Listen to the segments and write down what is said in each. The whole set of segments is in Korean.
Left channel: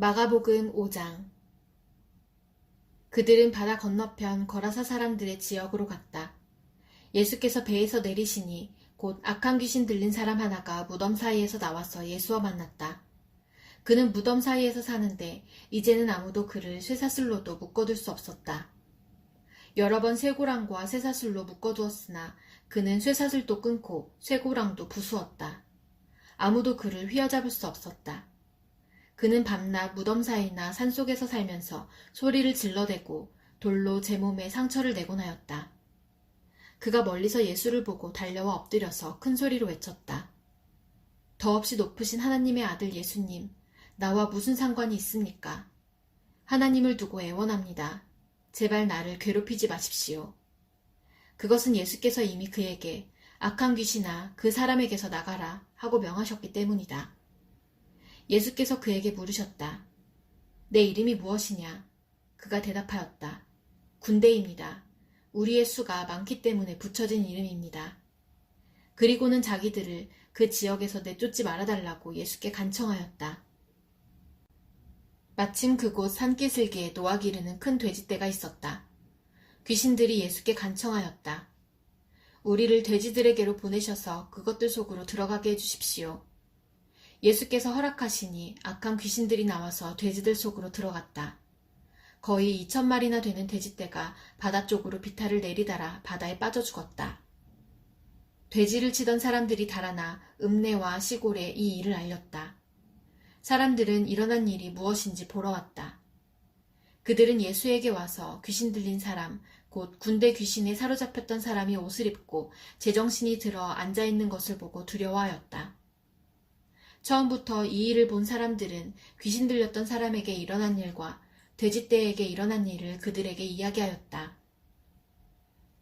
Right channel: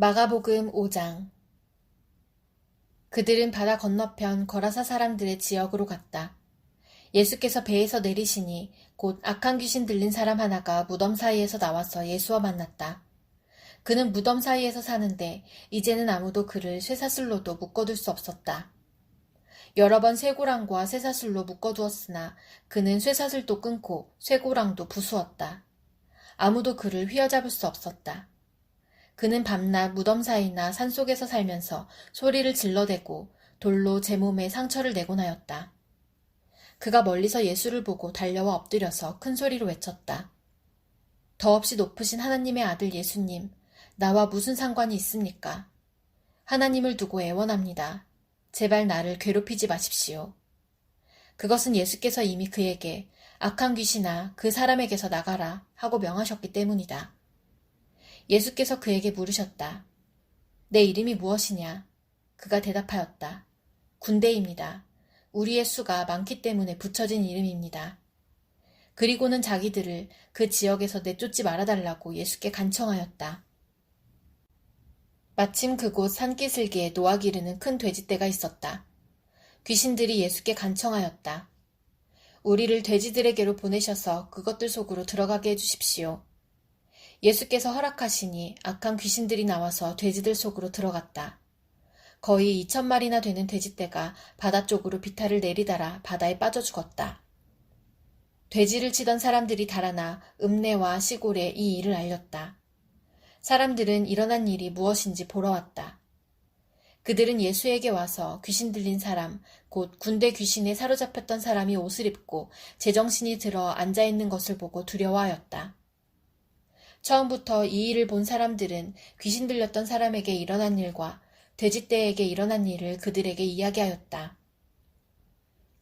마가복음 5장. 그들은 바다 건너편 거라사 사람들의 지역으로 갔다. 예수께서 배에서 내리시니 곧 악한 귀신 들린 사람 하나가 무덤 사이에서 나와서 예수와 만났다. 그는 무덤 사이에서 사는데 이제는 아무도 그를 쇠사슬로도 묶어둘 수 없었다. 여러 번 쇠고랑과 쇠사슬로 묶어두었으나 그는 쇠사슬도 끊고 쇠고랑도 부수었다. 아무도 그를 휘어잡을 수 없었다. 그는 밤낮 무덤 사이나 산속에서 살면서 소리를 질러대고 돌로 제 몸에 상처를 내곤 하였다. 그가 멀리서 예수를 보고 달려와 엎드려서 큰 소리로 외쳤다. 더없이 높으신 하나님의 아들 예수님, 나와 무슨 상관이 있습니까? 하나님을 두고 애원합니다. 제발 나를 괴롭히지 마십시오. 그것은 예수께서 이미 그에게 악한 귀신아 그 사람에게서 나가라 하고 명하셨기 때문이다. 예수께서 그에게 물으셨다. 내 이름이 무엇이냐? 그가 대답하였다. 군대입니다. 우리의 수가 많기 때문에 붙여진 이름입니다. 그리고는 자기들을 그 지역에서 내쫓지 말아달라고 예수께 간청하였다. 마침 그곳 산기슭에 노아 기르는 큰 돼지떼가 있었다. 귀신들이 예수께 간청하였다. 우리를 돼지들에게로 보내셔서 그것들 속으로 들어가게 해주십시오. 예수께서 허락하시니 악한 귀신들이 나와서 돼지들 속으로 들어갔다. 거의 2,000마리나 되는 돼지떼가 바다 쪽으로 비탈을 내리달아 바다에 빠져 죽었다. 돼지를 치던 사람들이 달아나 읍내와 시골에 이 일을 알렸다. 사람들은 일어난 일이 무엇인지 보러 왔다. 그들은 예수에게 와서 귀신 들린 사람, 곧 군대 귀신에 사로잡혔던 사람이 옷을 입고 제정신이 들어 앉아있는 것을 보고 두려워하였다. 처음부터 이 일을 본 사람들은 귀신 들렸던 사람에게 일어난 일과 돼지떼에게 일어난 일을 그들에게 이야기하였다.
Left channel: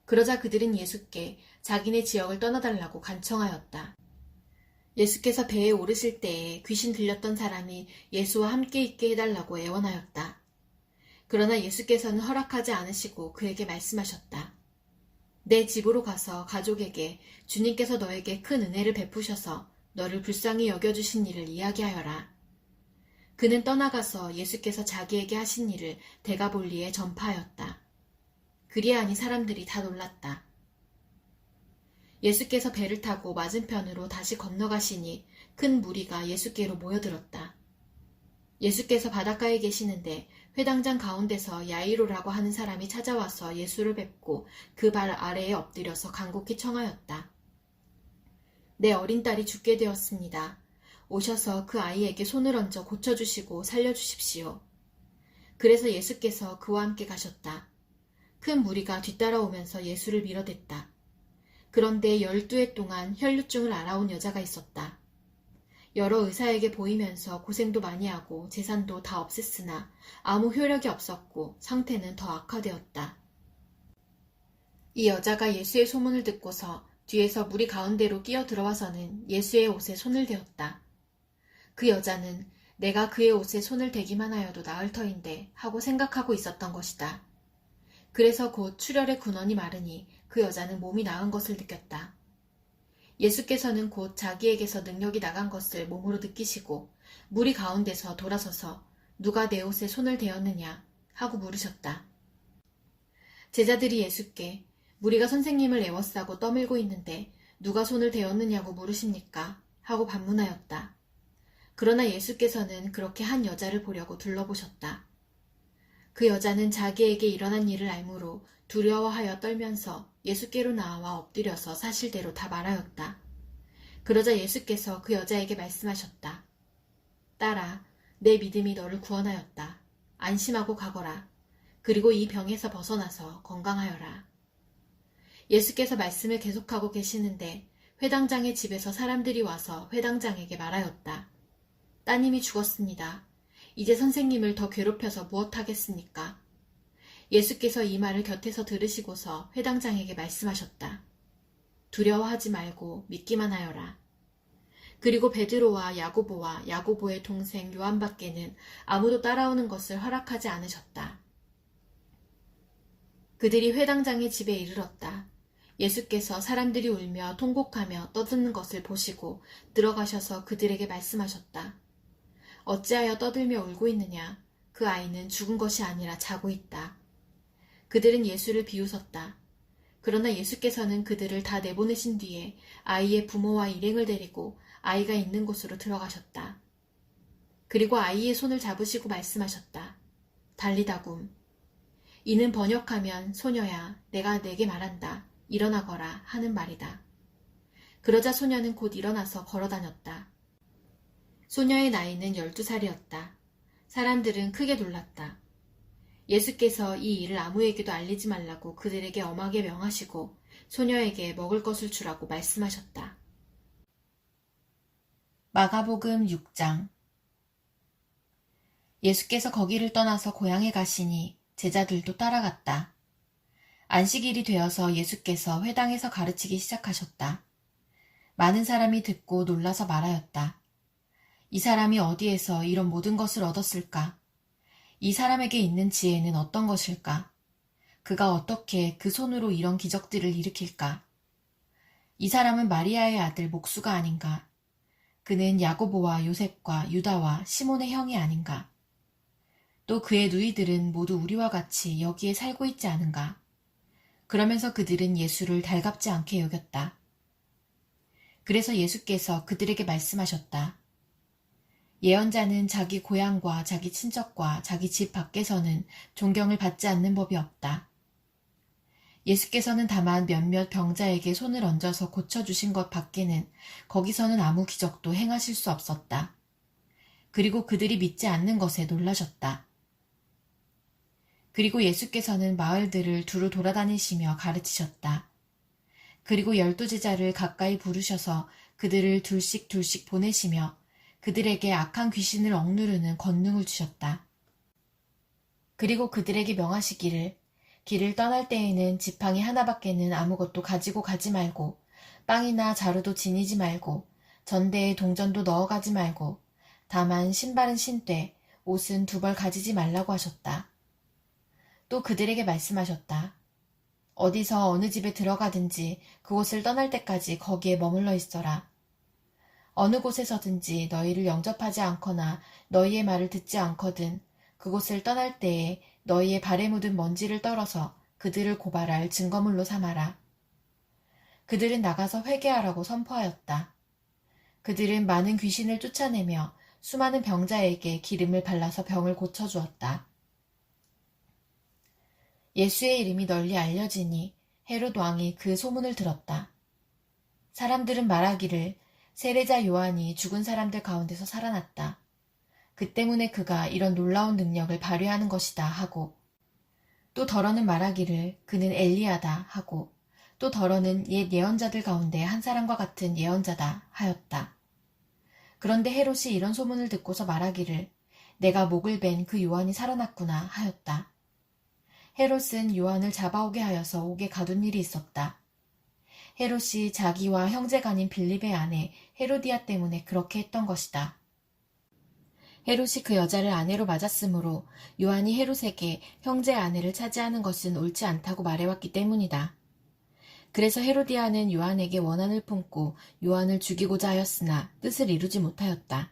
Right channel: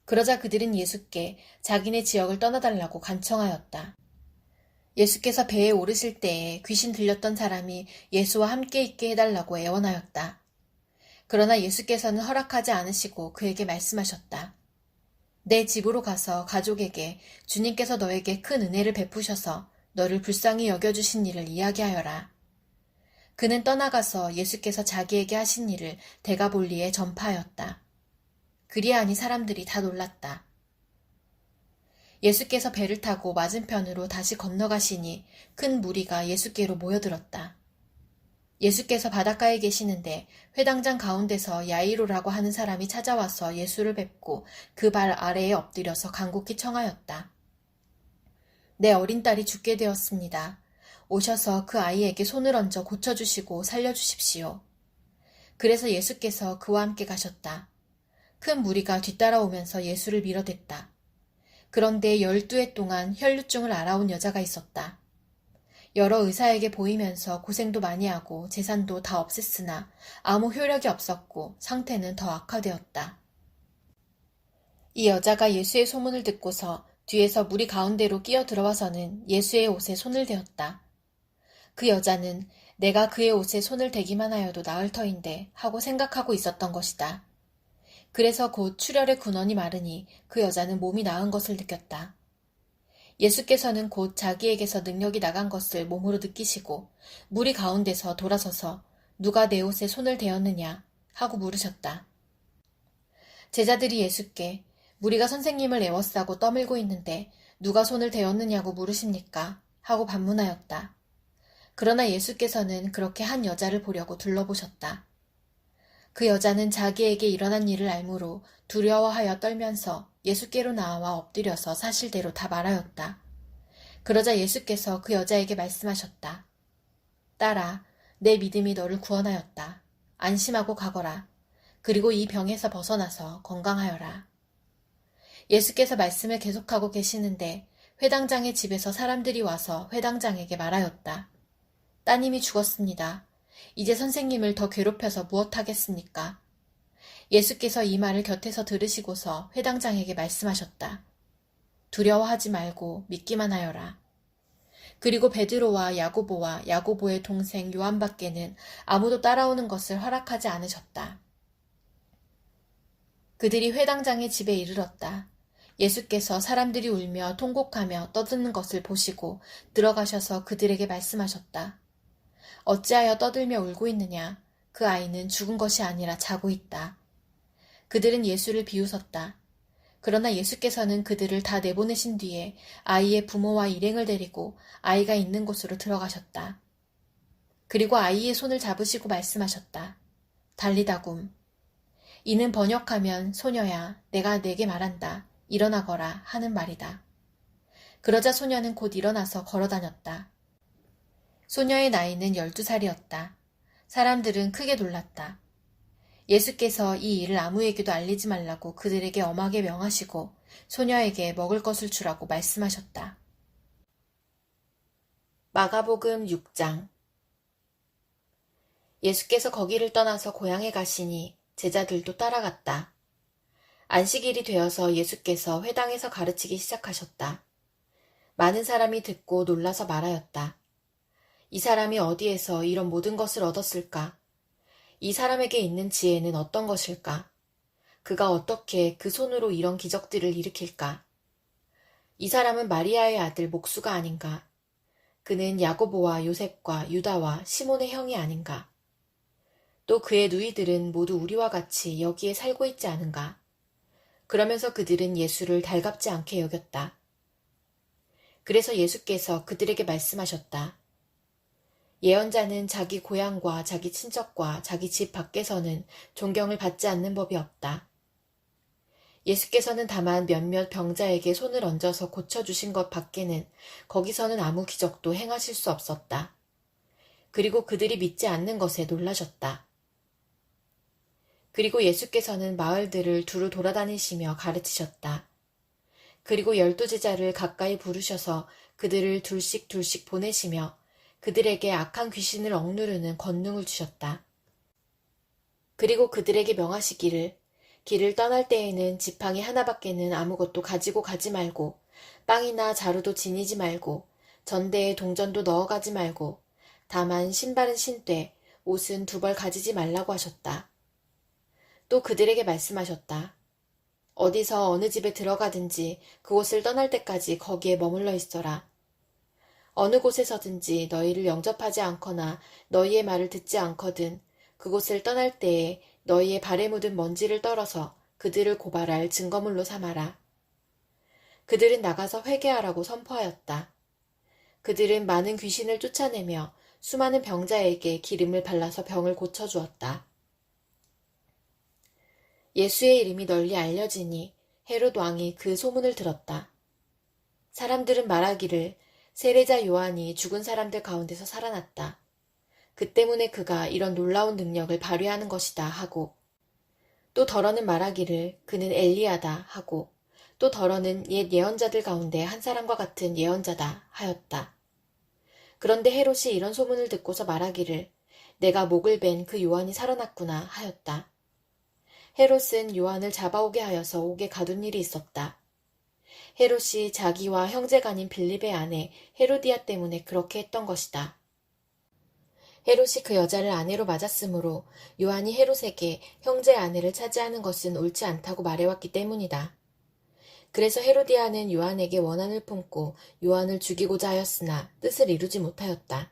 그러자 그들은 예수께 자기네 지역을 떠나달라고 간청하였다. 예수께서 배에 오르실 때에 귀신 들렸던 사람이 예수와 함께 있게 해달라고 애원하였다. 그러나 예수께서는 허락하지 않으시고 그에게 말씀하셨다. 내 집으로 가서 가족에게 주님께서 너에게 큰 은혜를 베푸셔서 너를 불쌍히 여겨주신 일을 이야기하여라. 그는 떠나가서 예수께서 자기에게 하신 일을 데가볼리에 전파하였다. 그리하니 사람들이 다 놀랐다. 예수께서 배를 타고 맞은편으로 다시 건너가시니 큰 무리가 예수께로 모여들었다. 예수께서 바닷가에 계시는데 회당장 가운데서 야이로라고 하는 사람이 찾아와서 예수를 뵙고 그 발 아래에 엎드려서 간곡히 청하였다. 내 어린 딸이 죽게 되었습니다. 오셔서 그 아이에게 손을 얹어 고쳐주시고 살려주십시오. 그래서 예수께서 그와 함께 가셨다. 큰 무리가 뒤따라오면서 예수를 밀어댔다. 그런데 12해 동안 혈루증을 앓아온 여자가 있었다. 여러 의사에게 보이면서 고생도 많이 하고 재산도 다 없앴으나 아무 효력이 없었고 상태는 더 악화되었다. 이 여자가 예수의 소문을 듣고서 뒤에서 무리 가운데로 끼어 들어와서는 예수의 옷에 손을 대었다. 그 여자는 내가 그의 옷에 손을 대기만 하여도 나을 터인데 하고 생각하고 있었던 것이다. 그래서 곧 출혈의 근원이 마르니 그 여자는 몸이 나은 것을 느꼈다. 예수께서는 곧 자기에게서 능력이 나간 것을 몸으로 느끼시고 무리 가운데서 돌아서서 누가 내 옷에 손을 대었느냐 하고 물으셨다. 제자들이 예수께 무리가 선생님을 애워싸고 떠밀고 있는데 누가 손을 대었느냐고 물으십니까? 하고 반문하였다. 그러나 예수께서는 그렇게 한 여자를 보려고 둘러보셨다. 그 여자는 자기에게 일어난 일을 알므로 두려워하여 떨면서 예수께로 나와 엎드려서 사실대로 다 말하였다. 그러자 예수께서 그 여자에게 말씀하셨다. 딸아, 내 믿음이 너를 구원하였다. 안심하고 가거라. 그리고 이 병에서 벗어나서 건강하여라. 예수께서 말씀을 계속하고 계시는데 회당장의 집에서 사람들이 와서 회당장에게 말하였다. 따님이 죽었습니다. 이제 선생님을 더 괴롭혀서 무엇하겠습니까? 예수께서 이 말을 곁에서 들으시고서 회당장에게 말씀하셨다. 두려워하지 말고 믿기만 하여라. 그리고 베드로와 야고보와 야고보의 동생 요한밖에는 아무도 따라오는 것을 허락하지 않으셨다. 그들이 회당장의 집에 이르렀다. 예수께서 사람들이 울며 통곡하며 떠드는 것을 보시고 들어가셔서 그들에게 말씀하셨다. 어찌하여 떠들며 울고 있느냐? 그 아이는 죽은 것이 아니라 자고 있다. 그들은 예수를 비웃었다. 그러나 예수께서는 그들을 다 내보내신 뒤에 아이의 부모와 일행을 데리고 아이가 있는 곳으로 들어가셨다. 그리고 아이의 손을 잡으시고 말씀하셨다. 달리다굼. 이는 번역하면 소녀야, 내가 내게 말한다. 일어나거라 하는 말이다. 그러자 소녀는 곧 일어나서 걸어다녔다. 소녀의 나이는 12살이었다. 사람들은 크게 놀랐다. 예수께서 이 일을 아무에게도 알리지 말라고 그들에게 엄하게 명하시고 소녀에게 먹을 것을 주라고 말씀하셨다. 마가복음 6장. 예수께서 거기를 떠나서 고향에 가시니 제자들도 따라갔다. 안식일이 되어서 예수께서 회당에서 가르치기 시작하셨다. 많은 사람이 듣고 놀라서 말하였다. 이 사람이 어디에서 이런 모든 것을 얻었을까? 이 사람에게 있는 지혜는 어떤 것일까? 그가 어떻게 그 손으로 이런 기적들을 일으킬까? 이 사람은 마리아의 아들 목수가 아닌가? 그는 야고보와 요셉과 유다와 시몬의 형이 아닌가? 또 그의 누이들은 모두 우리와 같이 여기에 살고 있지 않은가? 그러면서 그들은 예수를 달갑지 않게 여겼다. 그래서 예수께서 그들에게 말씀하셨다. 예언자는 자기 고향과 자기 친척과 자기 집 밖에서는 존경을 받지 않는 법이 없다. 예수께서는 다만 몇몇 병자에게 손을 얹어서 고쳐주신 것 밖에는 거기서는 아무 기적도 행하실 수 없었다. 그리고 그들이 믿지 않는 것에 놀라셨다. 그리고 예수께서는 마을들을 두루 돌아다니시며 가르치셨다. 그리고 12제자를 가까이 부르셔서 그들을 둘씩 보내시며 그들에게 악한 귀신을 억누르는 권능을 주셨다. 그리고 그들에게 명하시기를 길을 떠날 때에는 지팡이 하나밖에는 아무것도 가지고 가지 말고 빵이나 자루도 지니지 말고 전대에 동전도 넣어가지 말고 다만 신발은 신되 옷은 2벌 가지지 말라고 하셨다. 또 그들에게 말씀하셨다. 어디서 어느 집에 들어가든지 그곳을 떠날 때까지 거기에 머물러 있어라. 어느 곳에서든지 너희를 영접하지 않거나 너희의 말을 듣지 않거든 그곳을 떠날 때에 너희의 발에 묻은 먼지를 떨어서 그들을 고발할 증거물로 삼아라. 그들은 나가서 회개하라고 선포하였다. 그들은 많은 귀신을 쫓아내며 수많은 병자에게 기름을 발라서 병을 고쳐주었다. 예수의 이름이 널리 알려지니 헤롯 왕이 그 소문을 들었다. 사람들은 말하기를 세례자 요한이 죽은 사람들 가운데서 살아났다. 그 때문에 그가 이런 놀라운 능력을 발휘하는 것이다 하고 또 더러는 말하기를 그는 엘리야다 하고 또 더러는 옛 예언자들 가운데 한 사람과 같은 예언자다 하였다. 그런데 헤롯이 이런 소문을 듣고서 말하기를 내가 목을 벤 그 요한이 살아났구나 하였다. 헤롯은 요한을 잡아오게 하여서 옥에 가둔 일이 있었다. 헤롯이 자기와 형제간인 빌립의 아내 헤로디아 때문에 그렇게 했던 것이다. 헤롯이 그 여자를 아내로 맞았으므로 요한이 헤롯에게 형제 아내를 차지하는 것은 옳지 않다고 말해왔기 때문이다. 그래서 헤로디아는 요한에게 원한을 품고 요한을 죽이고자 하였으나 뜻을 이루지 못하였다.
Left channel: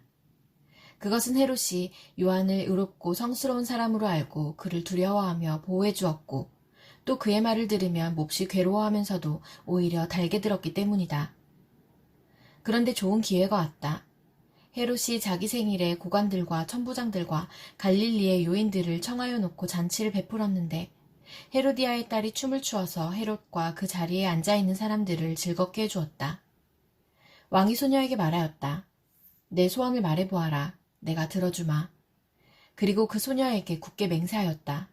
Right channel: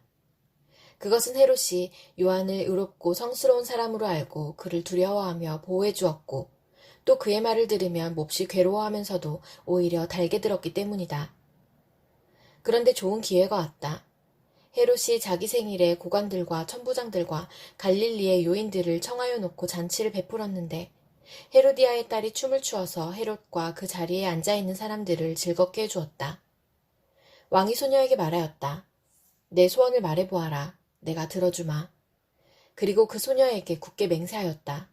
그것은 헤롯이 요한을 의롭고 성스러운 사람으로 알고 그를 두려워하며 보호해 주었고 또 그의 말을 들으면 몹시 괴로워하면서도 오히려 달게 들었기 때문이다. 그런데 좋은 기회가 왔다. 헤롯이 자기 생일에 고관들과 천부장들과 갈릴리의 요인들을 청하여 놓고 잔치를 베풀었는데 헤로디아의 딸이 춤을 추어서 헤롯과 그 자리에 앉아있는 사람들을 즐겁게 해주었다. 왕이 소녀에게 말하였다. 내 소원을 말해보아라. 내가 들어주마. 그리고 그 소녀에게 굳게 맹세하였다.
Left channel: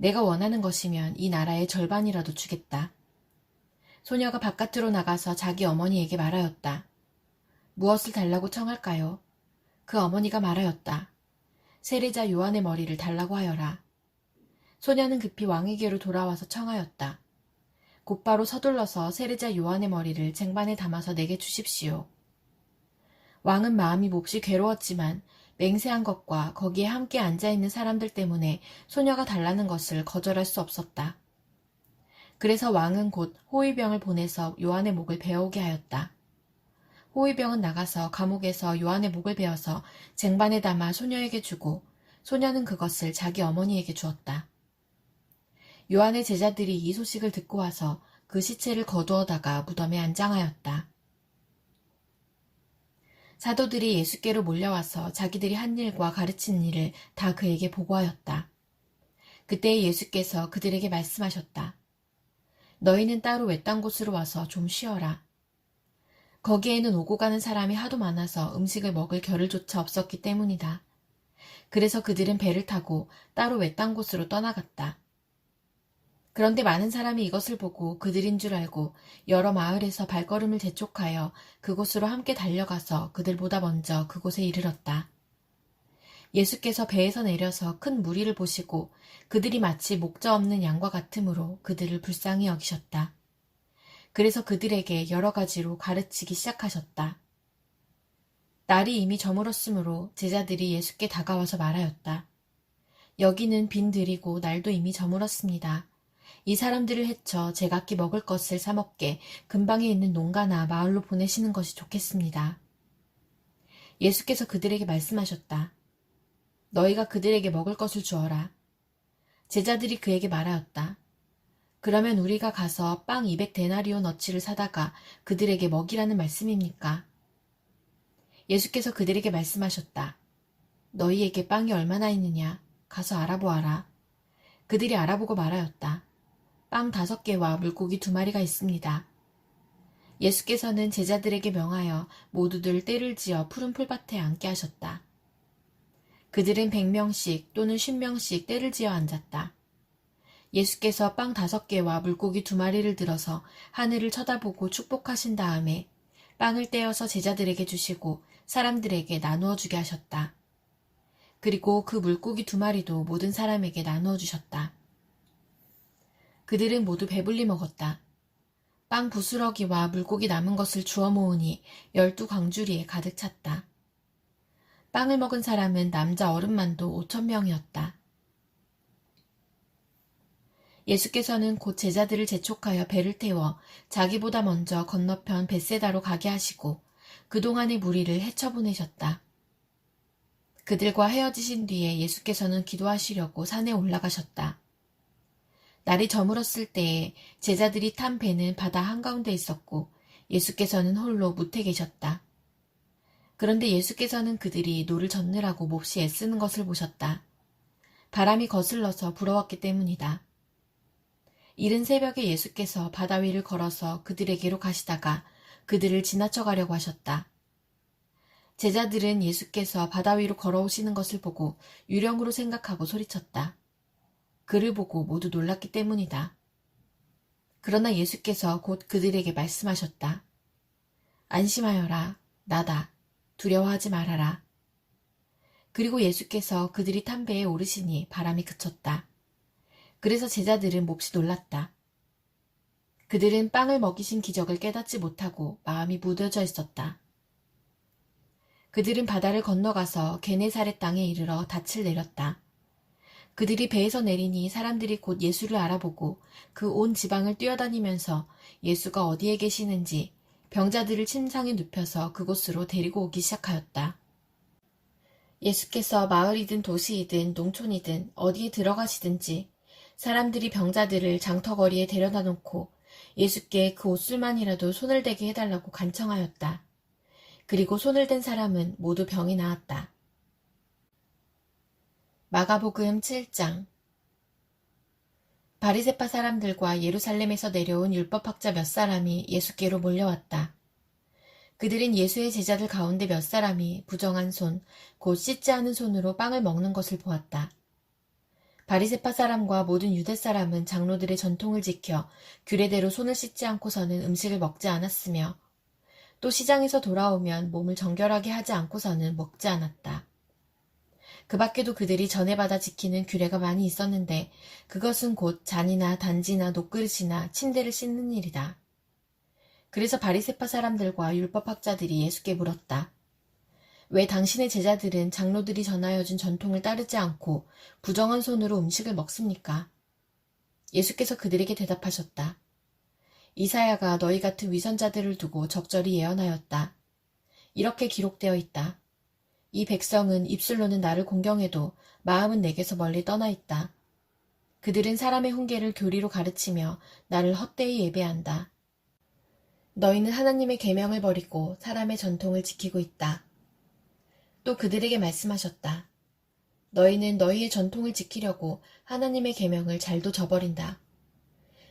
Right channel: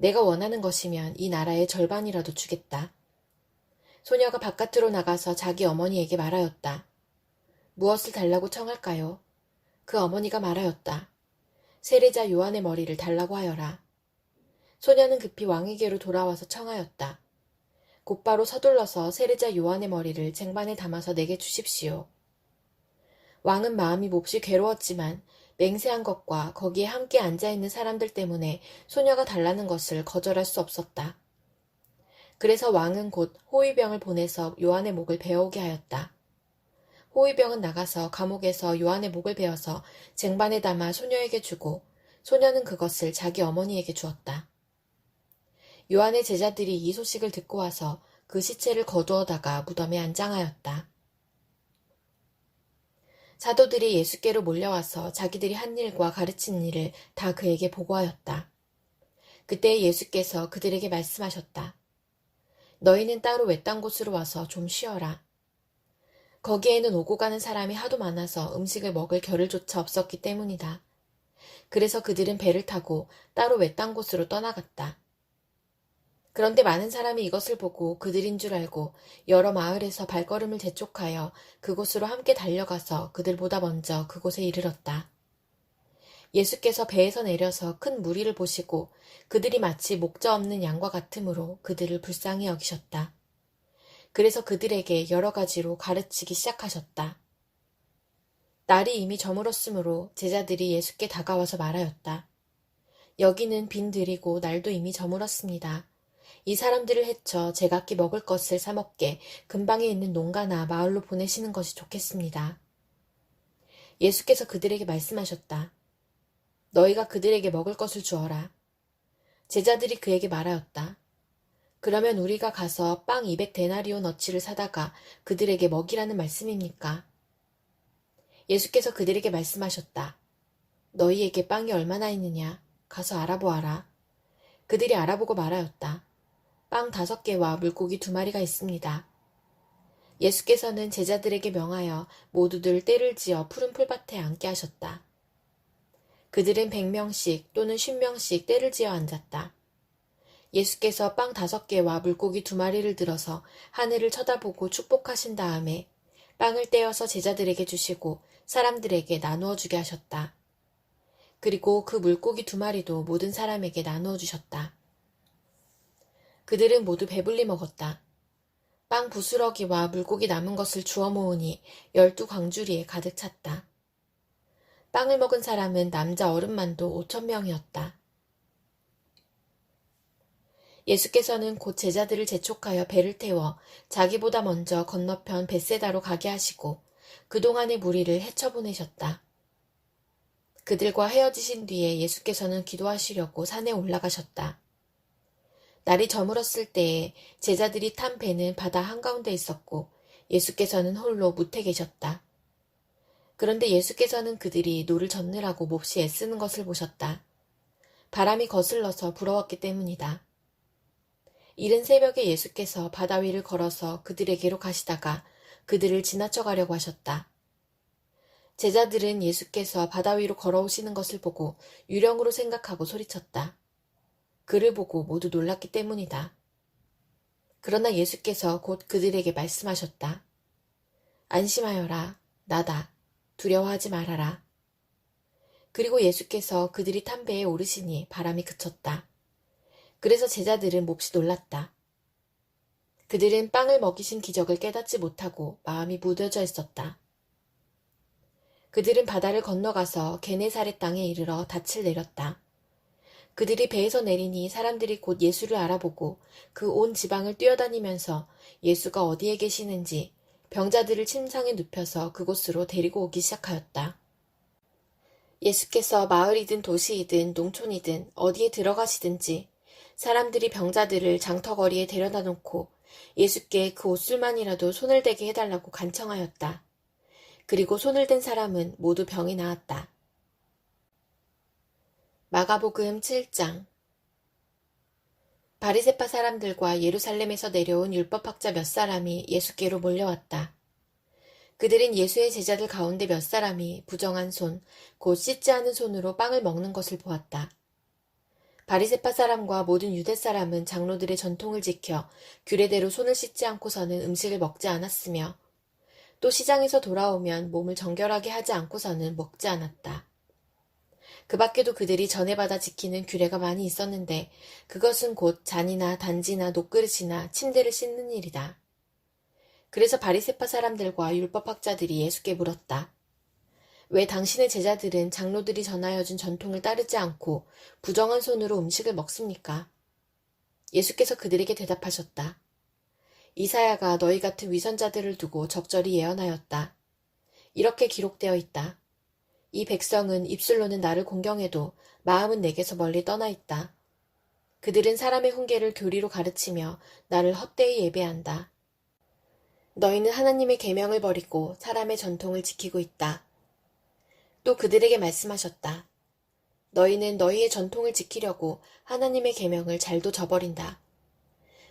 내가 원하는 것이면 이 나라의 절반이라도 주겠다. 소녀가 바깥으로 나가서 자기 어머니에게 말하였다. 무엇을 달라고 청할까요? 그 어머니가 말하였다. 세례자 요한의 머리를 달라고 하여라. 소녀는 급히 왕에게로 돌아와서 청하였다. 곧바로 서둘러서 세례자 요한의 머리를 쟁반에 담아서 내게 주십시오. 왕은 마음이 몹시 괴로웠지만 맹세한 것과 거기에 함께 앉아있는 사람들 때문에 소녀가 달라는 것을 거절할 수 없었다. 그래서 왕은 곧 호위병을 보내서 요한의 목을 베어오게 하였다. 호위병은 나가서 감옥에서 요한의 목을 베어서 쟁반에 담아 소녀에게 주고 소녀는 그것을 자기 어머니에게 주었다. 요한의 제자들이 이 소식을 듣고 와서 그 시체를 거두어다가 무덤에 안장하였다. 사도들이 예수께로 몰려와서 자기들이 한 일과 가르친 일을 다 그에게 보고하였다. 그때 예수께서 그들에게 말씀하셨다. 너희는 따로 외딴 곳으로 와서 좀 쉬어라. 거기에는 오고 가는 사람이 하도 많아서 음식을 먹을 겨를조차 없었기 때문이다. 그래서 그들은 배를 타고 따로 외딴 곳으로 떠나갔다. 그런데 많은 사람이 이것을 보고 그들인 줄 알고 여러 마을에서 발걸음을 재촉하여 그곳으로 함께 달려가서 그들보다 먼저 그곳에 이르렀다. 예수께서 배에서 내려서 큰 무리를 보시고 그들이 마치 목자 없는 양과 같으므로 그들을 불쌍히 여기셨다. 그래서 그들에게 여러 가지로 가르치기 시작하셨다. 날이 이미 저물었으므로 제자들이 예수께 다가와서 말하였다. 여기는 빈 들이고 날도 이미 저물었습니다. 이 사람들을 해쳐 제각기 먹을 것을 사 먹게 근방에 있는 농가나 마을로 보내시는 것이 좋겠습니다. 예수께서 그들에게 말씀하셨다. 너희가 그들에게 먹을 것을 주어라. 제자들이 그에게 말하였다. 그러면 우리가 가서 빵 200데나리온어치를 사다가 그들에게 먹이라는 말씀입니까? 예수께서 그들에게 말씀하셨다. 너희에게 빵이 얼마나 있느냐? 가서 알아보아라. 그들이 알아보고 말하였다. 빵 5개와 물고기 2마리가 있습니다. 예수께서는 제자들에게 명하여 모두들 떼를 지어 푸른 풀밭에 앉게 하셨다. 그들은 100명씩 또는 50명씩 떼를 지어 앉았다. 예수께서 빵 5개와 물고기 2마리를 들어서 하늘을 쳐다보고 축복하신 다음에 빵을 떼어서 제자들에게 주시고 사람들에게 나누어 주게 하셨다. 그리고 그 물고기 2마리도 모든 사람에게 나누어 주셨다. 그들은 모두 배불리 먹었다. 빵 부스러기와 물고기 남은 것을 주워 모으니 12광주리에 가득 찼다. 빵을 먹은 사람은 남자 어른만도 5,000명이었다. 예수께서는 곧 제자들을 재촉하여 배를 태워 자기보다 먼저 건너편 벳세다로 가게 하시고 그동안의 무리를 헤쳐보내셨다. 그들과 헤어지신 뒤에 예수께서는 기도하시려고 산에 올라가셨다. 날이 저물었을 때에 제자들이 탄 배는 바다 한가운데 있었고 예수께서는 홀로 뭇에 계셨다. 그런데 예수께서는 그들이 노를 젓느라고 몹시 애쓰는 것을 보셨다. 바람이 거슬러서 불어왔기 때문이다. 이른 새벽에 예수께서 바다 위를 걸어서 그들에게로 가시다가 그들을 지나쳐 가려고 하셨다. 제자들은 예수께서 바다 위로 걸어오시는 것을 보고 유령으로 생각하고 소리쳤다. 그를 보고 모두 놀랐기 때문이다. 그러나 예수께서 곧 그들에게 말씀하셨다. 안심하여라. 나다. 두려워하지 말아라. 그리고 예수께서 그들이 탄 배에 오르시니 바람이 그쳤다. 그래서 제자들은 몹시 놀랐다. 그들은 빵을 먹이신 기적을 깨닫지 못하고 마음이 무뎌져 있었다. 그들은 바다를 건너가서 게네사렛 땅에 이르러 닻을 내렸다. 그들이 배에서 내리니 사람들이 곧 예수를 알아보고 그 온 지방을 뛰어다니면서 예수가 어디에 계시는지 병자들을 침상에 눕혀서 그곳으로 데리고 오기 시작하였다. 예수께서 마을이든 도시이든 농촌이든 어디에 들어가시든지 사람들이 병자들을 장터거리에 데려다 놓고 예수께 그 옷술만이라도 손을 대게 해달라고 간청하였다. 그리고 손을 댄 사람은 모두 병이 나았다. 마가복음 7장. 바리새파 사람들과 예루살렘에서 내려온 율법학자 몇 사람이 예수께로 몰려왔다. 그들은 예수의 제자들 가운데 몇 사람이 부정한 손, 곧 씻지 않은 손으로 빵을 먹는 것을 보았다. 바리새파 사람과 모든 유대 사람은 장로들의 전통을 지켜 규례대로 손을 씻지 않고서는 음식을 먹지 않았으며 또 시장에서 돌아오면 몸을 정결하게 하지 않고서는 먹지 않았다. 그 밖에도 그들이 전에 받아 지키는 규례가 많이 있었는데 그것은 곧 잔이나 단지나 녹그릇이나 침대를 씻는 일이다. 그래서 바리새파 사람들과 율법학자들이 예수께 물었다. 왜 당신의 제자들은 장로들이 전하여 준 전통을 따르지 않고 부정한 손으로 음식을 먹습니까? 예수께서 그들에게 대답하셨다. 이사야가 너희 같은 위선자들을 두고 적절히 예언하였다. 이렇게 기록되어 있다. 이 백성은 입술로는 나를 공경해도 마음은 내게서 멀리 떠나 있다. 그들은 사람의 훈계를 교리로 가르치며 나를 헛되이 예배한다. 너희는 하나님의 계명을 버리고 사람의 전통을 지키고 있다. 또 그들에게 말씀하셨다. 너희는 너희의 전통을 지키려고 하나님의 계명을 잘도 저버린다.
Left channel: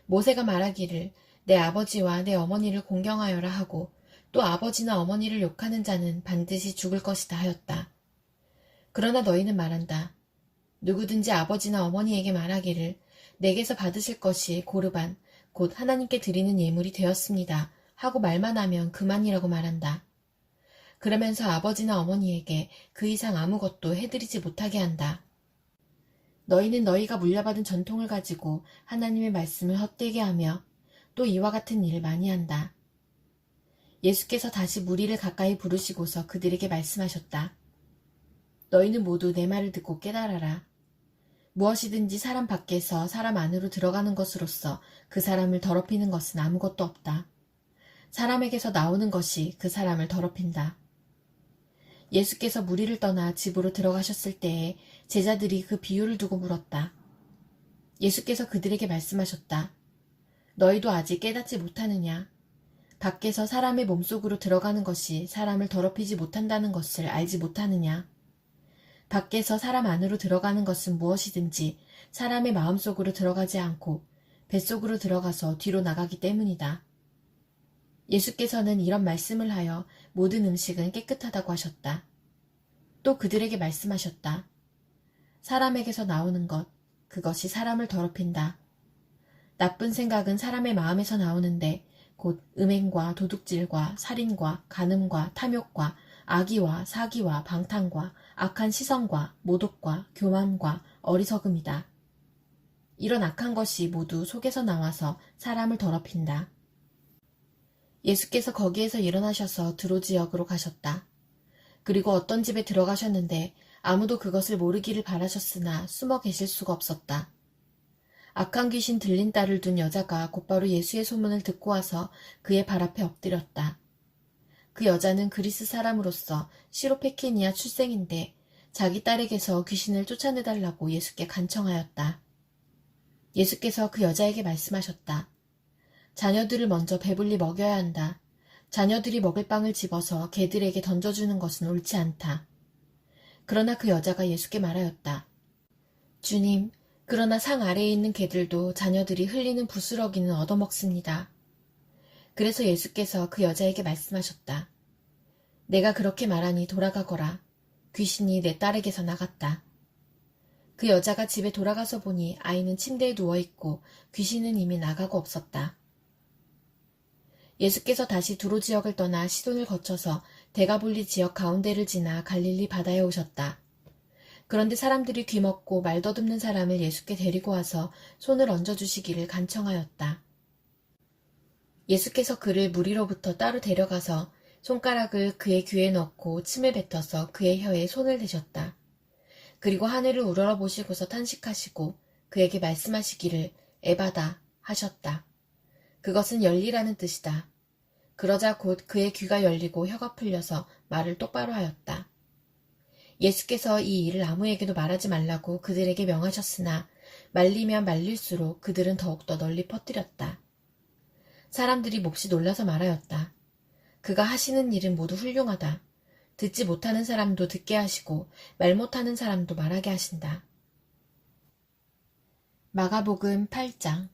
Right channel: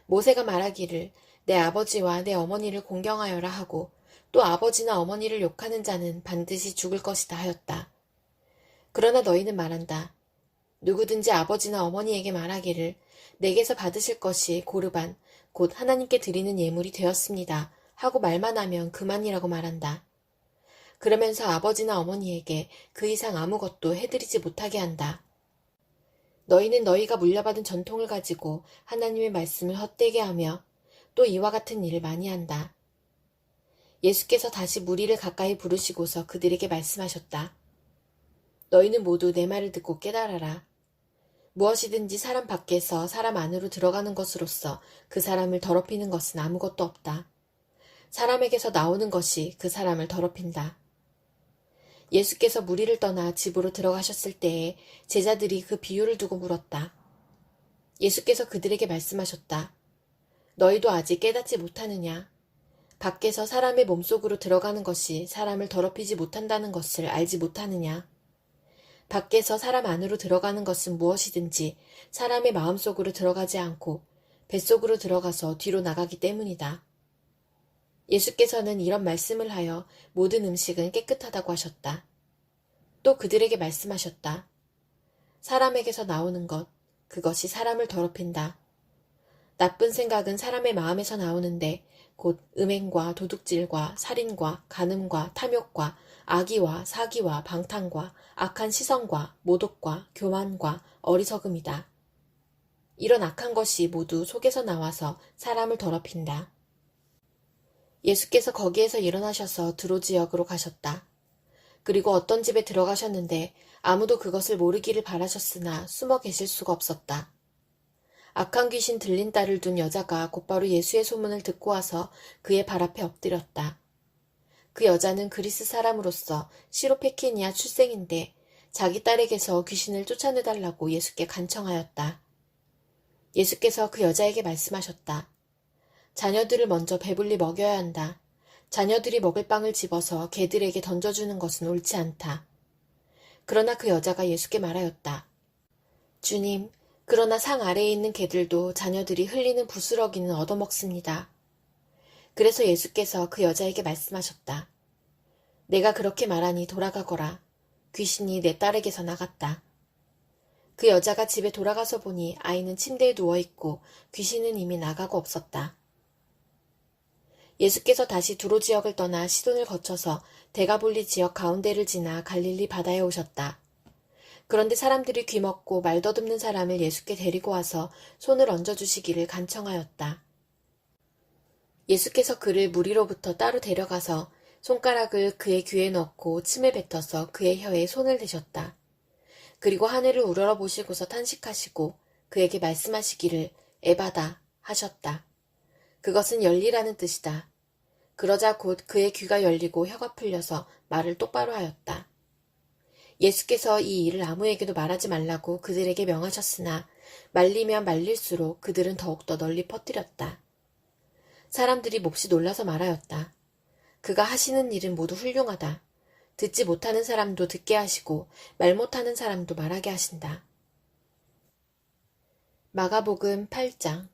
모세가 말하기를 내 아버지와 내 어머니를 공경하여라 하고 또 아버지나 어머니를 욕하는 자는 반드시 죽을 것이다 하였다. 그러나 너희는 말한다. 누구든지 아버지나 어머니에게 말하기를 내게서 받으실 것이 고르반 곧 하나님께 드리는 예물이 되었습니다 하고 말만 하면 그만이라고 말한다. 그러면서 아버지나 어머니에게 그 이상 아무것도 해드리지 못하게 한다. 너희는 너희가 물려받은 전통을 가지고 하나님의 말씀을 헛되게 하며 또 이와 같은 일을 많이 한다. 예수께서 다시 무리를 가까이 부르시고서 그들에게 말씀하셨다. 너희는 모두 내 말을 듣고 깨달아라. 무엇이든지 사람 밖에서 사람 안으로 들어가는 것으로서 그 사람을 더럽히는 것은 아무것도 없다. 사람에게서 나오는 것이 그 사람을 더럽힌다. 예수께서 무리를 떠나 집으로 들어가셨을 때에 제자들이 그 비유를 두고 물었다. 예수께서 그들에게 말씀하셨다. 너희도 아직 깨닫지 못하느냐? 밖에서 사람의 몸속으로 들어가는 것이 사람을 더럽히지 못한다는 것을 알지 못하느냐? 밖에서 사람 안으로 들어가는 것은 무엇이든지 사람의 마음속으로 들어가지 않고 뱃속으로 들어가서 뒤로 나가기 때문이다. 예수께서는 이런 말씀을 하여 모든 음식은 깨끗하다고 하셨다. 또 그들에게 말씀하셨다. 사람에게서 나오는 것, 그것이 사람을 더럽힌다. 나쁜 생각은 사람의 마음에서 나오는데 곧 음행과 도둑질과 살인과 간음과 탐욕과 악의와 사기와 방탕과 악한 시선과 모독과 교만과 어리석음이다. 이런 악한 것이 모두 속에서 나와서 사람을 더럽힌다. 예수께서 거기에서 일어나셔서 드로 지역으로 가셨다. 그리고 어떤 집에 들어가셨는데 아무도 그것을 모르기를 바라셨으나 숨어 계실 수가 없었다. 악한 귀신 들린 딸을 둔 여자가 곧바로 예수의 소문을 듣고 와서 그의 발 앞에 엎드렸다. 그 여자는 그리스 사람으로서 시로페키니아 출생인데 자기 딸에게서 귀신을 쫓아내달라고 예수께 간청하였다. 예수께서 그 여자에게 말씀하셨다. 자녀들을 먼저 배불리 먹여야 한다. 자녀들이 먹을 빵을 집어서 개들에게 던져주는 것은 옳지 않다. 그러나 그 여자가 예수께 말하였다. 주님, 그러나 상 아래에 있는 개들도 자녀들이 흘리는 부스러기는 얻어먹습니다. 그래서 예수께서 그 여자에게 말씀하셨다. 내가 그렇게 말하니 돌아가거라. 귀신이 내 딸에게서 나갔다. 그 여자가 집에 돌아가서 보니 아이는 침대에 누워있고 귀신은 이미 나가고 없었다. 예수께서 다시 두로 지역을 떠나 시돈을 거쳐서 데가볼리 지역 가운데를 지나 갈릴리 바다에 오셨다. 그런데 사람들이 귀먹고 말 더듬는 사람을 예수께 데리고 와서 손을 얹어주시기를 간청하였다. 예수께서 그를 무리로부터 따로 데려가서 손가락을 그의 귀에 넣고 침을 뱉어서 그의 혀에 손을 대셨다. 그리고 하늘을 우러러보시고서 탄식하시고 그에게 말씀하시기를 에바다 하셨다. 그것은 열리라는 뜻이다. 그러자 곧 그의 귀가 열리고 혀가 풀려서 말을 똑바로 하였다. 예수께서 이 일을 아무에게도 말하지 말라고 그들에게 명하셨으나 말리면 말릴수록 그들은 더욱더 널리 퍼뜨렸다. 사람들이 몹시 놀라서 말하였다. 그가 하시는 일은 모두 훌륭하다. 듣지 못하는 사람도 듣게 하시고 말 못하는 사람도 말하게 하신다. 마가복음 8장.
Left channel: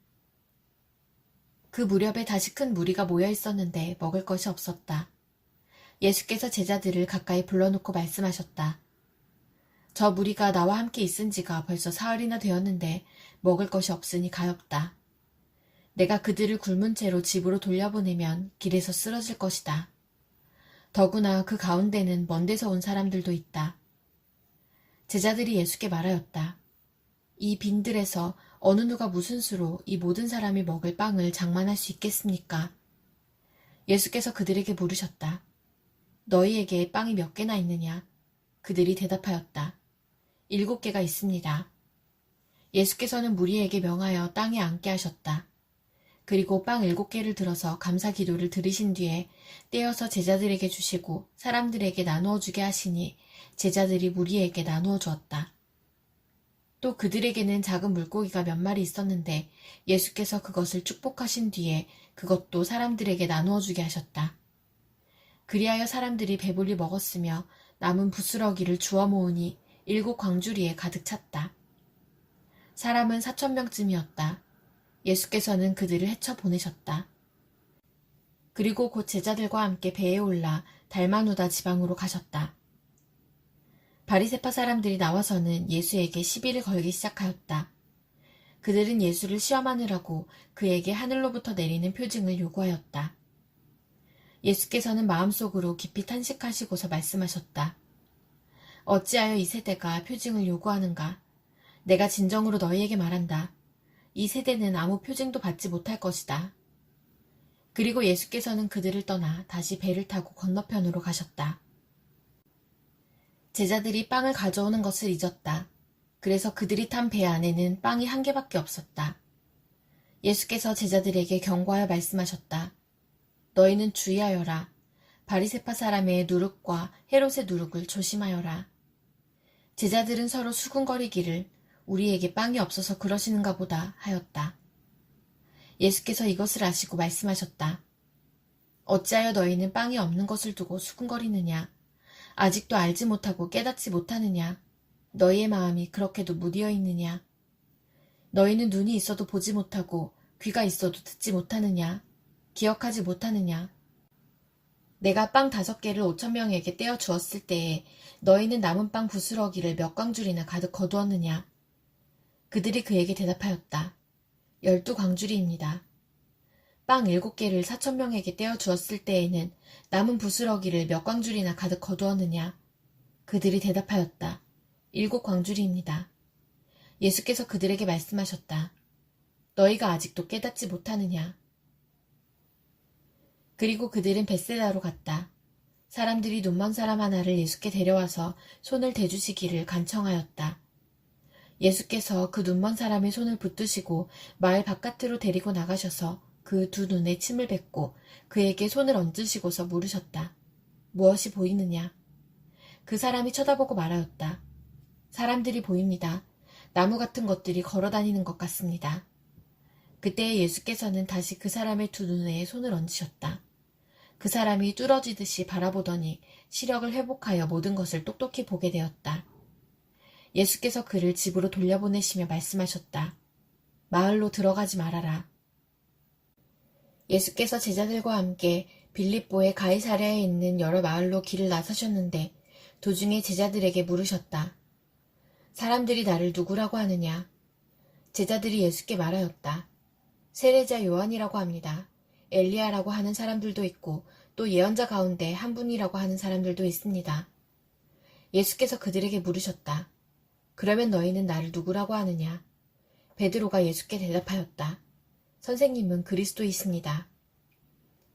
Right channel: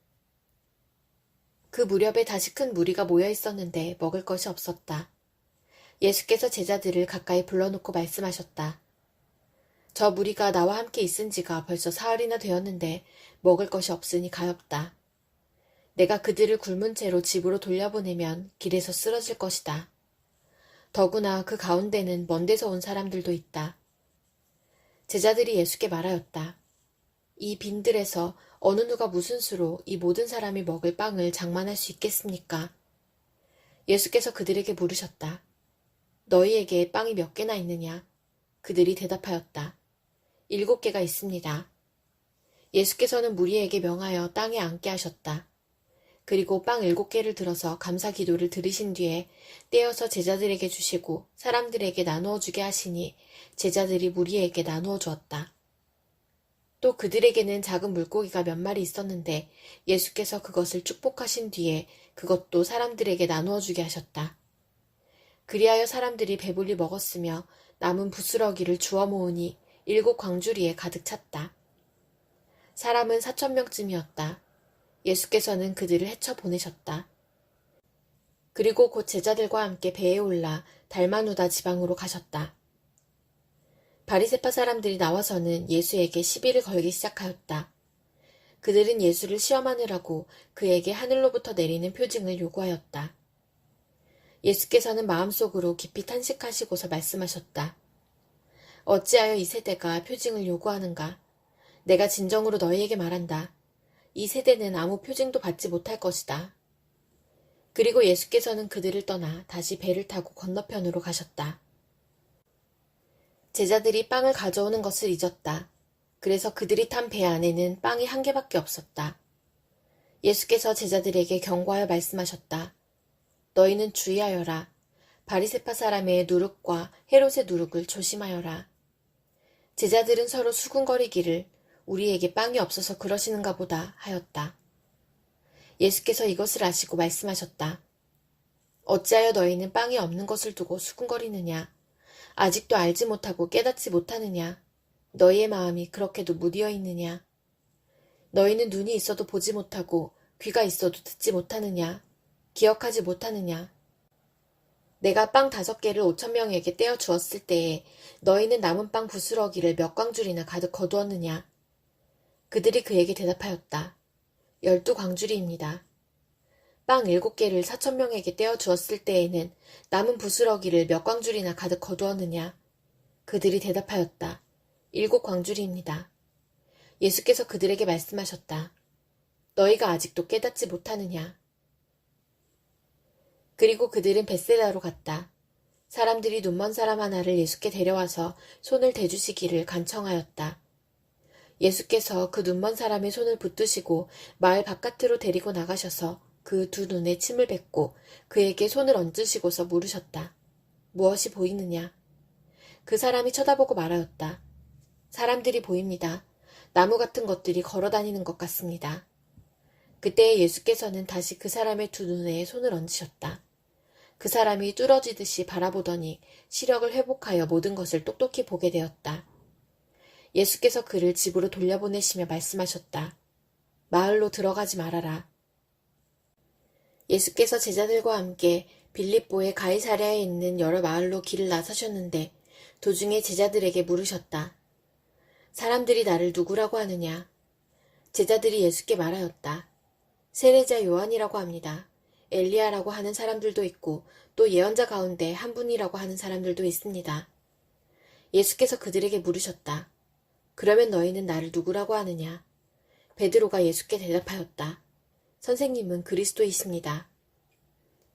그 무렵에 다시 큰 무리가 모여 있었는데 먹을 것이 없었다. 예수께서 제자들을 가까이 불러놓고 말씀하셨다. 저 무리가 나와 함께 있은 지가 벌써 사흘이나 되었는데 먹을 것이 없으니 가엾다. 내가 그들을 굶은 채로 집으로 돌려보내면 길에서 쓰러질 것이다. 더구나 그 가운데는 먼 데서 온 사람들도 있다. 제자들이 예수께 말하였다. 이 빈들에서 어느 누가 무슨 수로 이 모든 사람이 먹을 빵을 장만할 수 있겠습니까? 예수께서 그들에게 물으셨다. 너희에게 빵이 몇 개나 있느냐? 그들이 대답하였다. 7개가 있습니다. 예수께서는 무리에게 명하여 땅에 앉게 하셨다. 그리고 빵 7개를 들어서 감사 기도를 드리신 뒤에 떼어서 제자들에게 주시고 사람들에게 나누어 주게 하시니 제자들이 무리에게 나누어 주었다. 또 그들에게는 작은 물고기가 몇 마리 있었는데 예수께서 그것을 축복하신 뒤에 그것도 사람들에게 나누어 주게 하셨다. 그리하여 사람들이 배불리 먹었으며 남은 부스러기를 주워 모으니 7 광주리에 가득 찼다. 사람은 4,000명쯤이었다. 예수께서는 그들을 헤쳐 보내셨다. 그리고 곧 제자들과 함께 배에 올라 달마누다 지방으로 가셨다. 바리새파 사람들이 나와서는 예수에게 시비를 걸기 시작하였다. 그들은 예수를 시험하느라고 그에게 하늘로부터 내리는 표징을 요구하였다. 예수께서는 마음속으로 깊이 탄식하시고서 말씀하셨다. 어찌하여 이 세대가 표징을 요구하는가? 내가 진정으로 너희에게 말한다. 이 세대는 아무 표징도 받지 못할 것이다. 그리고 예수께서는 그들을 떠나 다시 배를 타고 건너편으로 가셨다. 제자들이 빵을 가져오는 것을 잊었다. 그래서 그들이 탄 배 안에는 빵이 1개밖에 없었다. 예수께서 제자들에게 경고하여 말씀하셨다. 너희는 주의하여라. 바리새파 사람의 누룩과 헤롯의 누룩을 조심하여라. 제자들은 서로 수군거리기를 우리에게 빵이 없어서 그러시는가 보다 하였다. 예수께서 이것을 아시고 말씀하셨다. 어찌하여 너희는 빵이 없는 것을 두고 수군거리느냐? 아직도 알지 못하고 깨닫지 못하느냐? 너희의 마음이 그렇게도 무디어 있느냐? 너희는 눈이 있어도 보지 못하고 귀가 있어도 듣지 못하느냐? 기억하지 못하느냐? 내가 빵 5개를 5,000명에게 떼어 주었을 때에 너희는 남은 빵 부스러기를 몇 광줄이나 가득 거두었느냐? 그들이 그에게 대답하였다. 12광주리입니다. 빵 7개를 4,000명에게 떼어 주었을 때에는 남은 부스러기를 몇 광줄이나 가득 거두었느냐? 그들이 대답하였다. 7광주리입니다. 예수께서 그들에게 말씀하셨다. 너희가 아직도 깨닫지 못하느냐? 그리고 그들은 벳세다로 갔다. 사람들이 눈먼 사람 하나를 예수께 데려와서 손을 대주시기를 간청하였다. 예수께서 그 눈먼 사람의 손을 붙드시고 마을 바깥으로 데리고 나가셔서 그 2 눈에 침을 뱉고 그에게 손을 얹으시고서 물으셨다. 무엇이 보이느냐? 그 사람이 쳐다보고 말하였다. 사람들이 보입니다. 나무 같은 것들이 걸어다니는 것 같습니다. 그때 예수께서는 다시 그 사람의 2 눈에 손을 얹으셨다. 그 사람이 뚫어지듯이 바라보더니 시력을 회복하여 모든 것을 똑똑히 보게 되었다. 예수께서 그를 집으로 돌려보내시며 말씀하셨다. 마을로 들어가지 말아라. 예수께서 제자들과 함께 빌립보의 가이사랴에 있는 여러 마을로 길을 나서셨는데 도중에 제자들에게 물으셨다. 사람들이 나를 누구라고 하느냐? 제자들이 예수께 말하였다. 세례자 요한이라고 합니다. 엘리야라고 하는 사람들도 있고 또 예언자 가운데 한 분이라고 하는 사람들도 있습니다. 예수께서 그들에게 물으셨다. 그러면 너희는 나를 누구라고 하느냐? 베드로가 예수께 대답하였다. 선생님은 그리스도이십니다.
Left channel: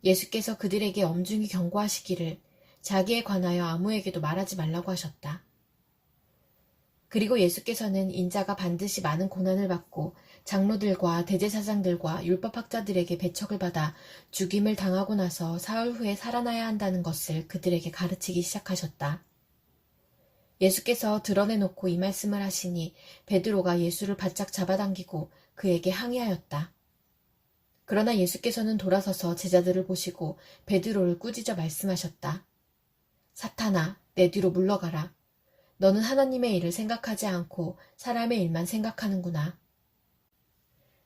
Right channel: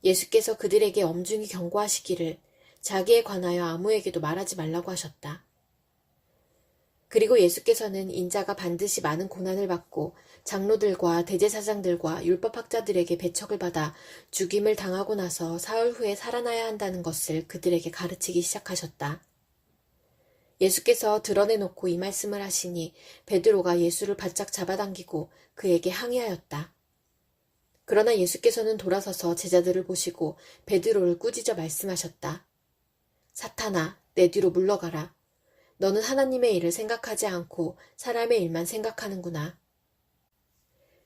예수께서 그들에게 엄중히 경고하시기를 자기에 관하여 아무에게도 말하지 말라고 하셨다. 그리고 예수께서는 인자가 반드시 많은 고난을 받고 장로들과 대제사장들과 율법학자들에게 배척을 받아 죽임을 당하고 나서 사흘 후에 살아나야 한다는 것을 그들에게 가르치기 시작하셨다. 예수께서 드러내놓고 이 말씀을 하시니 베드로가 예수를 바짝 잡아당기고 그에게 항의하였다. 그러나 예수께서는 돌아서서 제자들을 보시고 베드로를 꾸짖어 말씀하셨다. 사탄아, 내 뒤로 물러가라. 너는 하나님의 일을 생각하지 않고 사람의 일만 생각하는구나.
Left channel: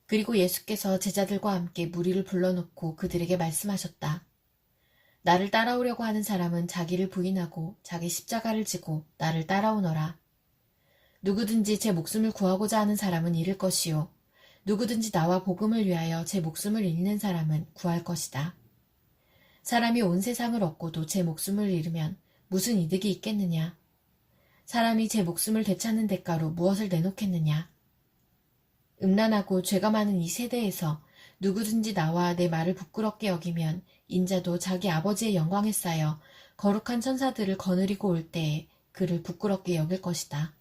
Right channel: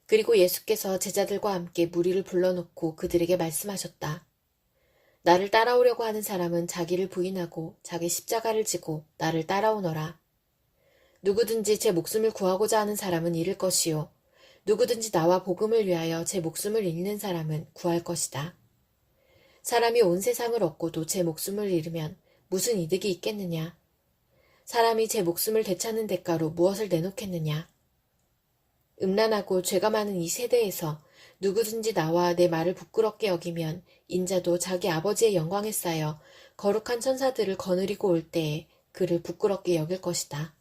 그리고 예수께서 제자들과 함께 무리를 불러놓고 그들에게 말씀하셨다. 나를 따라오려고 하는 사람은 자기를 부인하고 자기 십자가를 지고 나를 따라오너라. 누구든지 제 목숨을 구하고자 하는 사람은 잃을 것이요. 누구든지 나와 복음을 위하여 제 목숨을 잃는 사람은 구할 것이다. 사람이 온 세상을 얻고도 제 목숨을 잃으면 무슨 이득이 있겠느냐? 사람이 제 목숨을 되찾는 대가로 무엇을 내놓겠느냐? 음란하고 죄가 많은 이 세대에서 누구든지 나와 내 말을 부끄럽게 여기면 인자도 자기 아버지의 영광에 쌓여 거룩한 천사들을 거느리고 올 때에 그를 부끄럽게 여길 것이다.